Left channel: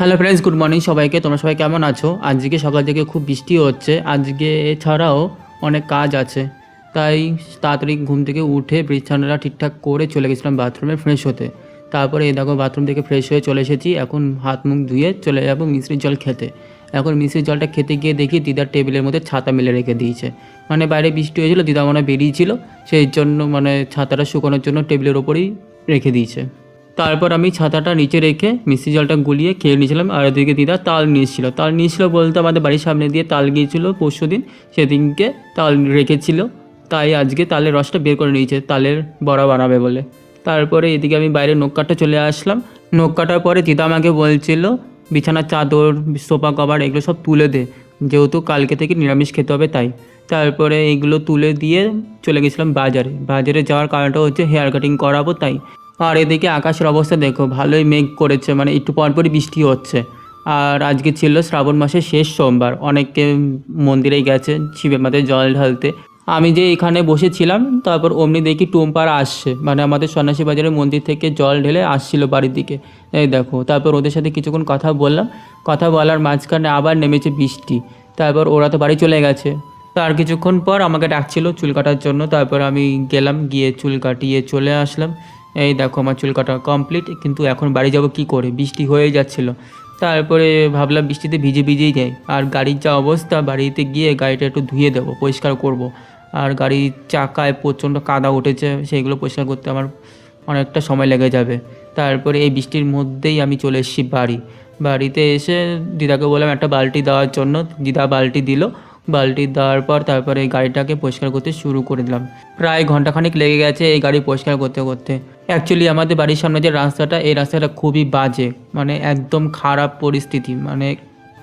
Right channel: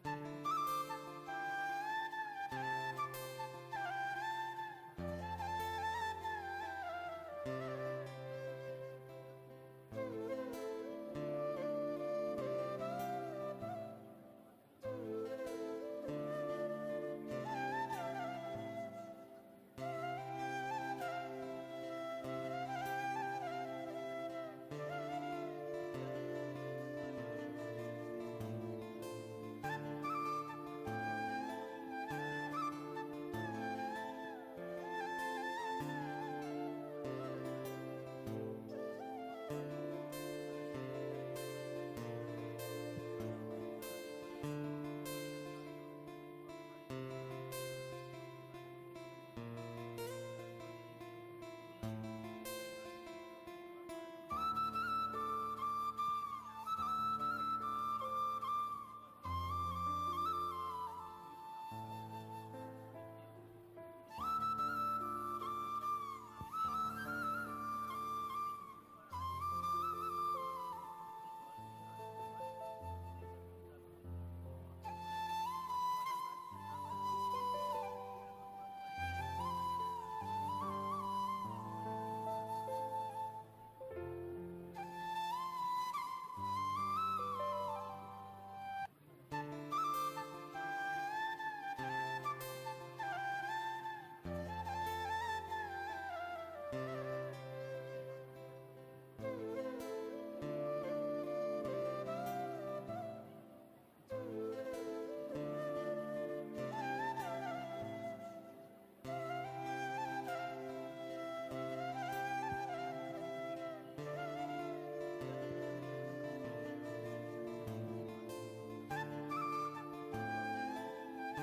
Hello friends, good morning সবাইকে। তোমরা সবাই কেমন আছো? আজকে সকাল থেকে খুব বৃষ্টি হচ্ছে। আজকে এছাড়াও অনেক কাজ আছে, তাই তাড়াতাড়ি ঘুম থেকে উঠে বিছানাটা ঠিকঠাক করে চলে গেছিলাম বাথরুমে ফ্রেশ হতে। তারপরে এই দেখো বাথরুম থেকে ফ্রেশ হয়ে চলে এসেছি। এখন হাত মুখ ধুয়ে চলে যাবো মিষ্টির জল খেতে। এখন মিষ্টির জলটা খেতে গিয়ে দেখি দিদার টেবিলের মধ্যে ছাতা মেলে রেখে দিয়েছে। মানে বাইরে বৃষ্টি হয়েছিল, দিদা মনে হয় বেরিয়েছিল, সেই জন্য মানে ছাতাটা শুকানোর জন্য টেবিলের ওপরেই রেখে দিয়েছে। তারপর আমি ছাতাটা নিচে রেখে মিষ্টি জলটা গুলিয়ে খেয়ে নিয়েছিলাম। আর ওদিকে দিদা তাল নিয়েছিল। তাল নিয়েছিল বলতে আমাদের বাড়ির সামনে দিয়ে তাল গিয়েছিল পরশু দিন, সেদিনকে তাল রেখেছিল, তাই আজকে তালের রসটা বের করে নিয়েছে তালের বড়া বানাবে বলে। তারপরে এদিকে আমি বাইরে নখ কাটতে চলে আসলাম। নখ কাটার পরে দিদা আমাকে বলছিল বিছানার চাদর, সোফা কভার এগুলো সব তুলে দে, যেহেতু কালকে থেকে নিরামিষ খেতে হবে তাই। তারপরে এইগুলো তুলে দিয়ে চলে গেছিলাম বাজারে। বাজারে যাওয়ার কারণটা হচ্ছে হেয়ার কাটিং করাবো তাই। আর এদিকে আকাশের অবস্থা দেখো, ভালোই মেঘ করেছে, মানে একটু পরপরই বৃষ্টি হচ্ছে। আর আজকে ছিল শ্রাবণ মাসের শেষ সোমবার, অনেকে মন্দিরে গেছে শিবের মাথায় জল ঢালতে। আমি যে এখানে বসেছিলাম, তারপর অমনি দেখি টুম্পার আসছে, মানে আমাদের সন্ন্যাসী বাজারের মন্দির থেকে জল ঢেলে আসছিল বাড়ির দিকে। এই দেখো, তারপর ওদের সাথে কিছুক্ষণ কথা বললাম। কথা বলার মাঝখানে আবার নেমেছে বৃষ্টি। তারপর ওরা তো বাড়ি চলে গেছে। তার কিছুক্ষণ পর আমাকে ডাকছিল চুল কাটার জন্য, তারপর আমি গেলাম, গিয়ে চুল কাটিয়ে চলে আসলাম। এই দেখো আমার চুল কাটা কমপ্লিট, কিন্তু এখন বাড়ি যাব কি করে, বৃষ্টি হয়ে যাচ্ছিল। তারপরে ভাবলাম বৃষ্টিতে ভিজে ভিজেই যাই। আর গাড়ির যা অবস্থা, বাড়িতে গিয়ে গাড়িটা একটু ধুয়ে দেবো, পরিষ্কার করব। আর গাড়ির চাকায় প্রচণ্ড কাদা উঠেছে, সেইগুলো পরিষ্কার করতে আমার অনেকটা সময় লেগে যাবে। তারপরে এই বৃষ্টির মধ্যেই আমি চলে এসেছি বাড়ি। বাড়িতে এসে দিদাকে বললাম একটা বালতি দেওয়ার জন্য, দিদা বালতি দিল। বালতি দেওয়ার পর তারপরে এই গাড়িটাকে পরিষ্কার করতে শুরু করে দিলাম। প্রায় ঘন্টাখানেক লেগে গেছে এই গাড়ি পরিষ্কার করতে করতে। অ্যাকচুয়ালি আমাদের বাড়ির সামনে যে রাস্তাটা, এই রাস্তাটা খুবই বাজে, মানে একদম খারাপ পরিস্থিতি, মানে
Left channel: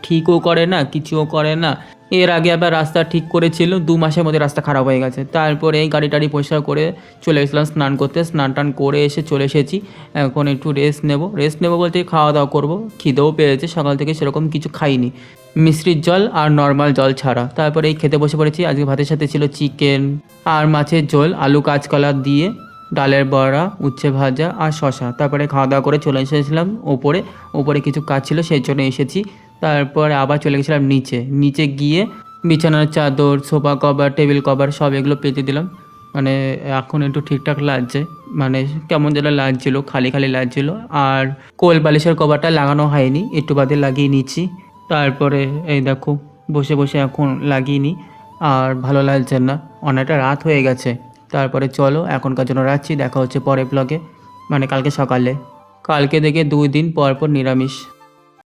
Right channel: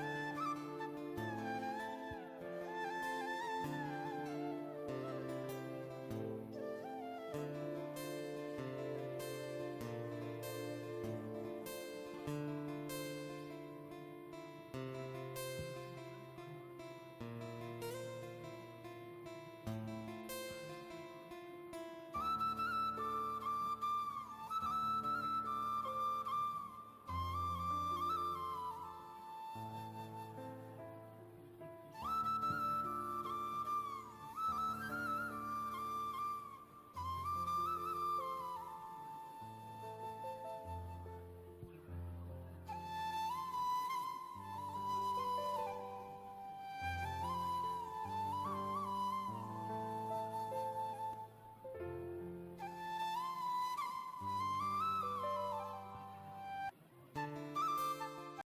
ঠিকও করে না, কিছুও করে না। এর আগে আবার রাস্তা ঠিক করেছিল, 2 মাসের মধ্যে রাস্তা খারাপ হয়ে গেছে। তারপরে এই গাড়ি টাড়ি পরিষ্কার করে চলে গেছিলাম স্নান করতে। স্নান টান করে এসে চলে এসেছি। এখন একটু রেস্ট নেবো বলতে খাওয়া দাওয়া করবো। খিদেও পেয়েছে, সকাল থেকে সেরকম কিছু খাইনি, মিষ্টির জল আর নর্মাল জল ছাড়া। তারপরে এই খেতে বসে পড়েছি। আজকে ভাতের সাথে ছিল চিকেন আর মাছের ঝোল, আলু কাঁচকলা দিয়ে, ডালের বড়া, উচ্ছে ভাজা আর শশা। তারপরে খাওয়া দাওয়া করে চলে এসেছিলাম ওপরে। ওপরে কিছু কাজ ছিল সেই জন্য এসেছি। তারপরে আবার চলে গেছিলাম নিচে। নিচে গিয়ে বিছানার চাদর, সোফা কভার, টেবিল কভার সব এগুলো পেতে দিলাম। মানে এখন একটু ঠিকঠাক লাগছে, মানে কেমন যেন লাগছিল, খালি খালি লাগছিল। আর কোল বালিশের কভারটা লাগানো হয়নি, একটু বাদে লাগিয়ে নিচ্ছি। তারপরে এই দেখো বসে বসে এখন লাগিয়ে নিই। আর ভালো লাগছে না, অনেকটা রাত হয়ে গেছে। তারপরে চলো এখনকার জন্য রাখছি, দেখা হচ্ছে পরের ব্লগে, মানে কালকে সকালে। কালকে থেকে 2 দিন পর পর নিরামিষ।